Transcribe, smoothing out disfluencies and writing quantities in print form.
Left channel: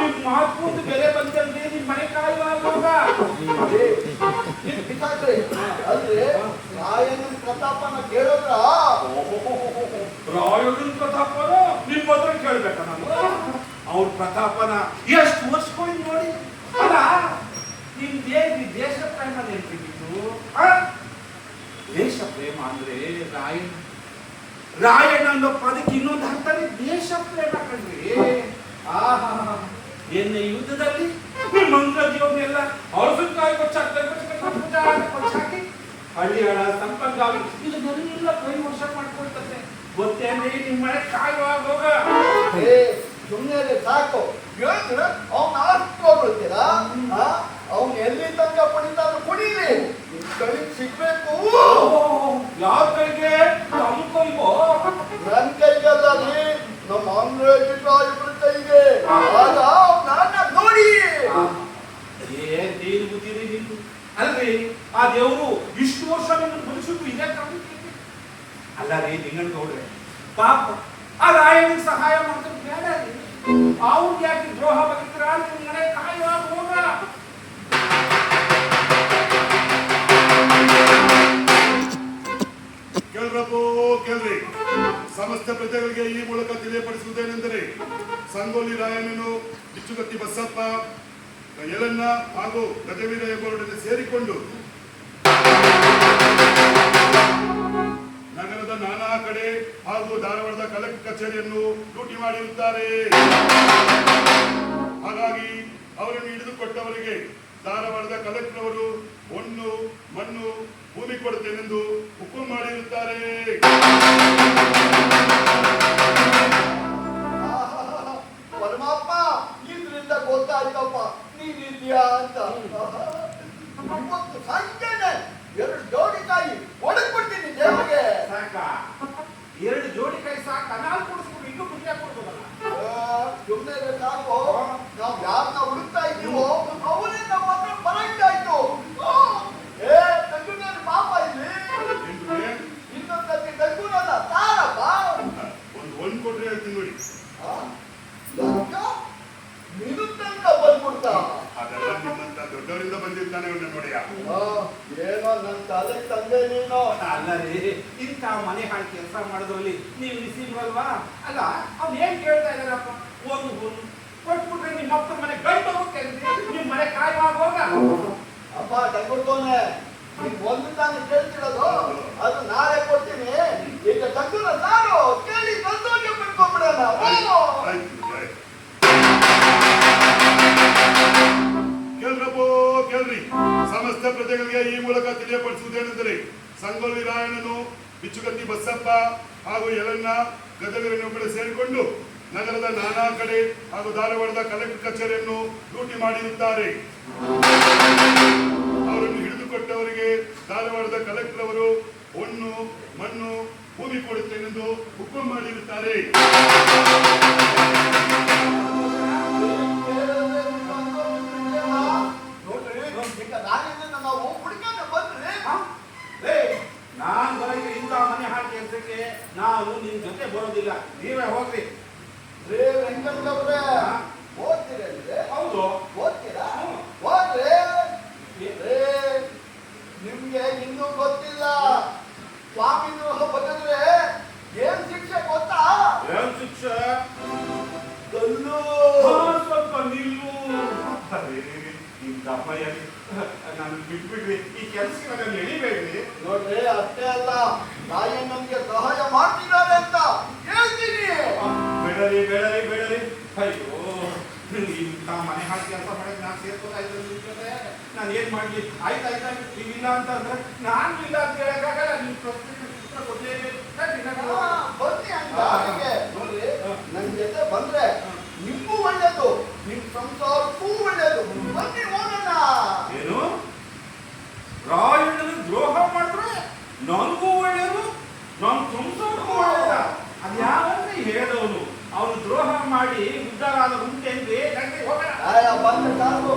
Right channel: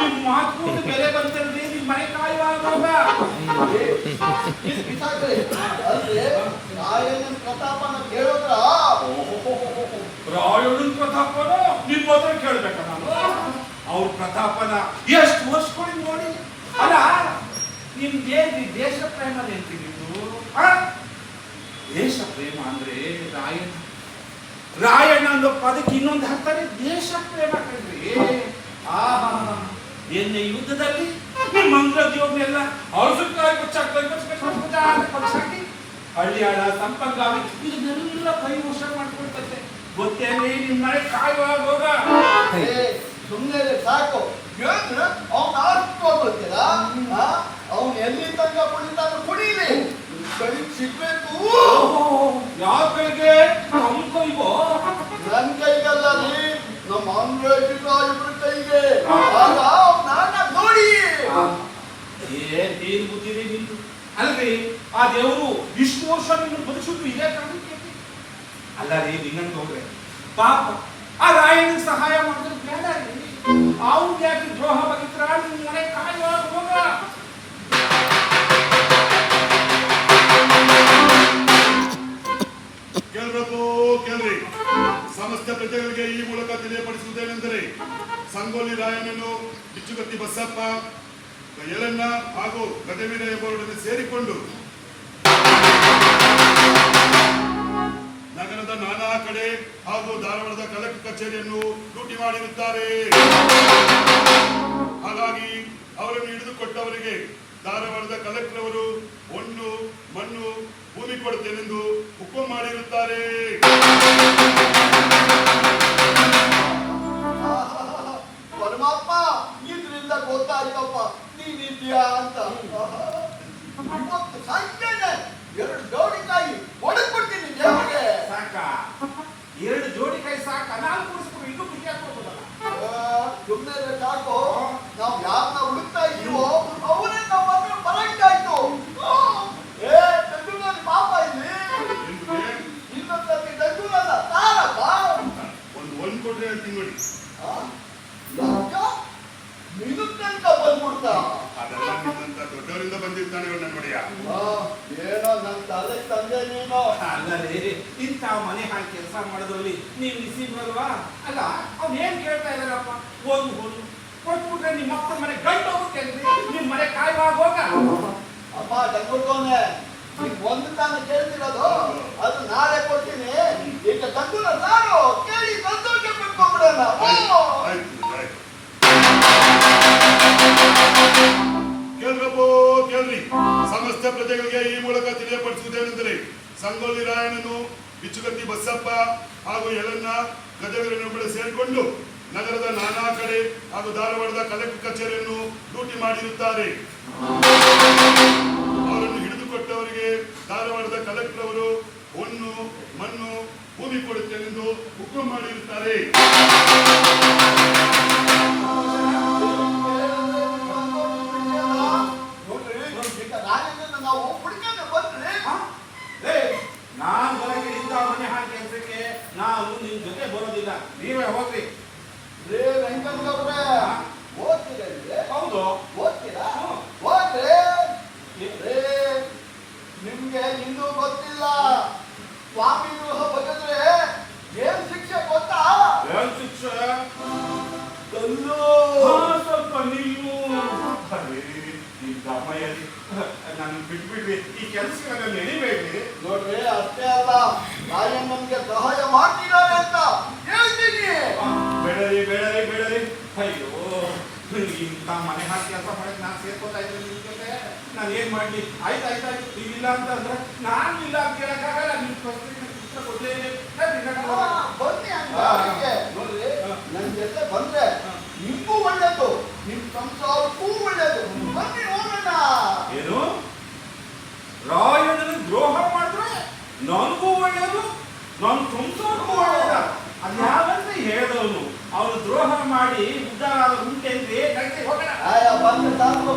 ನಿಮ್ ಮಾತು ಬೆಲೆ ಬಂತಲ್ರಿ, ನಿಮ್ ಮನೆ ಕಾಯುವಾಗ ಅಲ್ರಿ ರಾಯಣ್ಣನ ಪ್ರತಾಪನ ಕೇಳೋದ್ರ ರಾಯಣ್ಣನ ಪ್ರತಾಪನ ನಿಮ್ ಹತ್ರ ಕೇಳ್ಬೇಕ ನಾನು? ಅವ್ರ ಪ್ರತಾಪನ ಎಷ್ಟು ವರ್ಷಗಳು ನೋಡಿ. ಅಲ್ಲ ನಿಮ್ ದೇಶ ಪ್ರೇಮ ನೆನ್ಪಿಗಿತ್ತು. ದೇಶ ಪ್ರೇಮ ಅಂದ್ರೆ ರಾಯಣ್ಣ ಅನ್ನೋ ಪದಕ್ಕೆ ಇನ್ನೊಂದು ಅರ್ಥನೇ ದೇಶ ಪ್ರೇಮ ಕಣ್ರಿ. ಎನ್ನೆ ಯುದ್ಧದಲ್ಲಿ ನಿಮ್ಮ ಮಂಗ್ಳದಿಯವ್ರನ್ನೆಲ್ಲ ಔಷಧಕಾಯಿ ಕೊಚ್ಚಾಕಿ ಹಳ್ಳಿಯಾಳ ಸಂಪಂಗಾವಿ ಇದನ್ನೆಲ್ಲ ಕೈ ವರ್ಷ ಮಾಡ್ಕೊಳ್ತದೆ. ಗೊತ್ತೇನ್ರಿ ನಿಮ್ ಮನೆ ಕಾಯುವಾಗ ಹೋಗ ಸುಮ್ಮನೆ ಸಾಕು. ಅವ್ನ ಅಷ್ಟು ಗೊತ್ತಿಲ್ಲ. ಅವ್ನು ಎಲ್ಲಿ ತನಕ ಪಡಿತಾದ್ರು ಕುಡೀಲಿ, ಕೈಗೆ ಸಿಗ್ಬೇಕು. ಯಾವ ಕೈಗೆ? ನಮ್ಮ ಕೈಗೋ? ನನ್ ಕೈಗಲ್ಲ ರೀ, ನಮ್ಮ ಅಂಗ್ರೇಜಿಬ್ರು ಕೈಗೆ. ನಾನ ನೋಡಿ ಏನ್ ಬುದ್ಧಿರಿ ನಿಂತು ಅಲ್ರಿ. ಆ ದೇವರು ಇಷ್ಟು ವರ್ಷ ನನ್ನ ಬದುಕಿದ್ದು ಇದೇ ಕಾರಣಕ್ಕೆ ಅಲ್ಲ ರೀ. ನಿಂಗನ್ ನೋಡ್ರೆ ಪಾಪ ಆ ರಾಯಣ್ಣಗೆ ಸಹಾಯ ಮಾಡಿದ್ರೆ ಬೇಡ ರೀ. ಅವ್ರಿಗೆ ಯಾಕೆ ದ್ರೋಹ ಬಗಿದ್ರ? ನಿಮ್ ಮನೆ ಕಾಯುವಾಗ ಹೋಗ. ಕೇಳ್ರಿ, ಸಮಸ್ತ ಪ್ರಜೆಗಳಿಗೆ ಈ ಮೂಲಕ ತಿಳಿಯಪಡಿಸುವುದೇನೆಂದರೆ ಸಂಗೊಳ್ಳಿ ರಾಯಣ್ಣನು, ಬಿಚ್ಚುಗತ್ತಿ ಬಸಪ್ಪ, ಯಲನ್ನ ಹಾಗೂ ಗಜವೀರ ಎಂಬುವರೊಡನೆ ಸೇರಿಕೊಂಡು ನಗರದ ನಾನಾ ಕಡೆ ಹಾಗೂ ಧಾರವಾಡದ ಕಲೆಕ್ಟರ್ ಕಚೇರಿಯನ್ನು ಲೂಟಿ ಮಾಡಿರುತ್ತಾರೆ. ಹಾಗಾಗಿ ಅವರನ್ನು ಹಿಡಿದುಕೊಟ್ಟವರಿಗೆ ಧಾರವಾಡದ ಕಲೆಕ್ಟರ್ ಅವರು ಹೊನ್ನು ಮಣ್ಣು ಭೂಮಿ ಕೊಡುತ್ತೇನೆಂದು ಹುಕುಂ ಮಾಡಿರುತ್ತಾರೆ. ಪರಮಾತ್ಮ ಇದ್ರಿಂದ ಗೊತ್ತಾಯ್ತಪ್ಪ ನೀನಿದ್ಯಾ ಅಂತ. ಇವತ್ತು ಸಂಜೆನೆ 2 ಜೋಡಿ ಕಾಯಿ ಒಡಗ್ಬಿಡ್ತೀನಿ ದೇವರಿಗೆ. ಸಾಕ 2 ಜೋಡಿ ಕೈ ಸಾಕ? 4 ಕೊಡಿಸ್ಬಿಟ್ಟು ಇನ್ನೂ ಖುಷಿ ಆಗ್ಬೋದಲ್ಲ. ಸುಮ್ಮನೆ ಸಾಕು. ನಾವು ಯಾರನ್ನ ಹುಡುಕ್ತಾ ಇದೀವೋ ಅವರೇ ನಮ್ಮ ಹತ್ರ ಬರಂಗಾಯ್ತು. ತಂಗುನಲ್ಲಿ ಪಾಪ ಇಲ್ಲಿ ಇನ್ನೊಂದ್ಸತಿ ತಂಗುನಲ್ಲ ತಾರಪ್ಪ. ಒಂದು ಕೊಟ್ರೆ ಹೇಳ್ತೀನಿ ನೋಡಿ. ಮಿನುತ್ತಂತ ಬಂದ್ಬಿಡ್ತಾ. ಅದೆಲ್ಲ ನಿಮ್ಮಂತ ದೊಡ್ಡವರಿಂದ ಬಂದಿರ್ತಾನೆ ನೋಡಿಯ. ಏನೋ ನನ್ ತಲೆಗೆ ತಂದೆ ನೀನು. ಅಲ್ಲ ರೀ, ಇಂಥ ಮನೆ ಹಾಕಿ ಕೆಲಸ ಮಾಡೋದ್ರಲ್ಲಿ ನೀವು ನಿಸೀಬ್ರಲ್ವಾ? ಅಲ್ಲ ಅವ್ನು ಏನ್ ಕೇಳ್ತಾ ಇದಾರಪ್ಪ? ಒಂದು ಕೊಟ್ಬಿಟ್ರೆ ನಿಮ್ಮ ಅಪ್ಪನ ಮನೆ ಗಂಟು ಹೋಗ್ತೇನ್ರಿ. ನಿಮ್ ಮನೆ ಕಾಯುವಾಗ ಹೋಗ. ಅಪ್ಪ ತಂಗುಡ್ತವನೆ, ಈಗ ಒಂದು ತಾನು ಕೇಳ್ತಿರೋದು, ಅದು ನಾಳೆ ಕೊಡ್ತೀನಿ. ಈಗ ತಂಗುನ ಸಾರು ಕೇಳಿ ಸಂತೋಷ ಪಡ್ಕೊಂಡ್ಬಿಡೋಣ. ಕೇಳ್ರಿ, ಸಮಸ್ತ ಪ್ರಜೆಗಳಿಗೆ ಈ ಮೂಲಕ ತಿಳಿಯಪಡಿಸುವುದೇನೆಂದರೆ ಸಂಗೊಳ್ಳಿ ರಾಯಣ್ಣನು, ಬಿಚ್ಚುಗತ್ತಿ ಬಸಪ್ಪ ಹಾಗೂ ಯಲನ್ನ ಗಜವೀರನೊಬ್ಬಳೆ ಸೇರಿಕೊಂಡು ನಗರದ ನಾನಾ ಕಡೆ ಹಾಗೂ ಧಾರವಾಡದ ಕಲೆಕ್ಟರ್ ಕಚೇರಿಯನ್ನು ಲೂಟಿ ಮಾಡಿರುತ್ತಾರೆ. ಅವರನ್ನು ಹಿಡಿದುಕೊಟ್ಟವರಿಗೆ ಧಾರವಾಡದ ಕಲೆಕ್ಟರ್ ಅವರು ಹೊನ್ನು ಮಣ್ಣು ಭೂಮಿ ಕೊಡುತ್ತೇನೆಂದು ಹುಕುಂ ಮಾಡಿರುತ್ತಾರೆ. ನಾವು ಹುಡುಕಂತ ಬಂದ್ರೆ ನಾನ್ ಬರಕ್ಕೆ ಇಂಥ ಮನೆ ಹಾಕಿ ಕೆಲಸಕ್ಕೆ ನಾನು ನಿಮ್ ಜೊತೆ ಬರೋದಿಲ್ಲ. ನೀವೇ ಹೋಗ್ರಿ. ರೇ ವೆಂಕಟಗೌಡ್ರೆ, ಓದ್ತೀರಲ್ರಿ? ಹೌದು. ಓದ್ತೀರಾ? ಹೋಗ್ರಿ. ರೇ ನಿಮ್ಗೆ ಇನ್ನೂ ಗೊತ್ತಿಲ್ಲ. ಸ್ವಾಮಿ ದ್ರೋಹ ಬಗೆದ್ರೆ ಏನ್ ಶಿಕ್ಷೆ ಗೊತ್ತಾ? ಏನ್ ಶಿಕ್ಷೆ? ಕಲ್ಲು. ಸ್ವಲ್ಪ ನಿಲ್ಲು. ನಾನು ಬಿಟ್ಬಿಡ್ರಿ, ಈ ಕೆಲಸಕ್ಕೆ ನಾನು ಎಳಿಬೇಡ್ರಿ. ನೋಡ್ರಿ, ಅಷ್ಟೇ ಅಲ್ಲ, ರಾಯಣ್ಣನ್ಗೆ ಸಹಾಯ ಮಾಡ್ತಿದ್ದಾರೆ ಅಂತ ಹೇಳ್ತೀನಿ. ಬೇಡರಿ. ಅಯ್ಯೋ, ಇಂಥ ಮನೆ ಹಾಕಿ ಕೆಲಸ ಮಾಡಕ್ಕೆ ನಾನು ಸೇರ್ಕೋತಾ ಇದ್ದೆ ನಿಮ್ ಜೊತೆ. ನಾನು ಏನ್ ಮಾಡ್ಲಿ? ಆಯ್ತಾಯ್ತು ನೀವಿಲ್ಲ ಅಂತ ಅಂದ್ರೆ ನಾನು ಇಲ್ಲ ಅಂತ ಹೇಳಕ್ಕಾಗಲ್ಲ. ನಿಮ್ ಪುತ್ರ ಕೊಡ್ಲೇಬೇಕು. ಬನ್ನಿ ಅಂತ ನೋಡ್ರಿ, ನನ್ ಜೊತೆ ಬಂದ್ರೆ ನಿಮ್ಗೂ ಒಳ್ಳೇದು, ನಿಮ್ ಸಂಸಾರಕ್ಕೂ ಒಳ್ಳೇದು. ಬನ್ನಿ ಹೋಗೋಣ. ಏನು? ರಾಯಣ್ಣನ ದ್ರೋಹ ಮಾಡಿದ್ರೆ ನನಗೂ ಒಳ್ಳೇದು, ನನ್ನ ಸಂಸಾರಕ್ಕೂ ಒಳ್ಳೇದ? ಅದು ಯಾವಂತ ಹೇಳಿದವನು? ಅವನು ದ್ರೋಹ ಮಾಡಿ ಉದ್ದಾರ ಉಂಟೇನ್ರಿ? ಹೋಗೋಣ. ಬಂದ ಸಾಕು.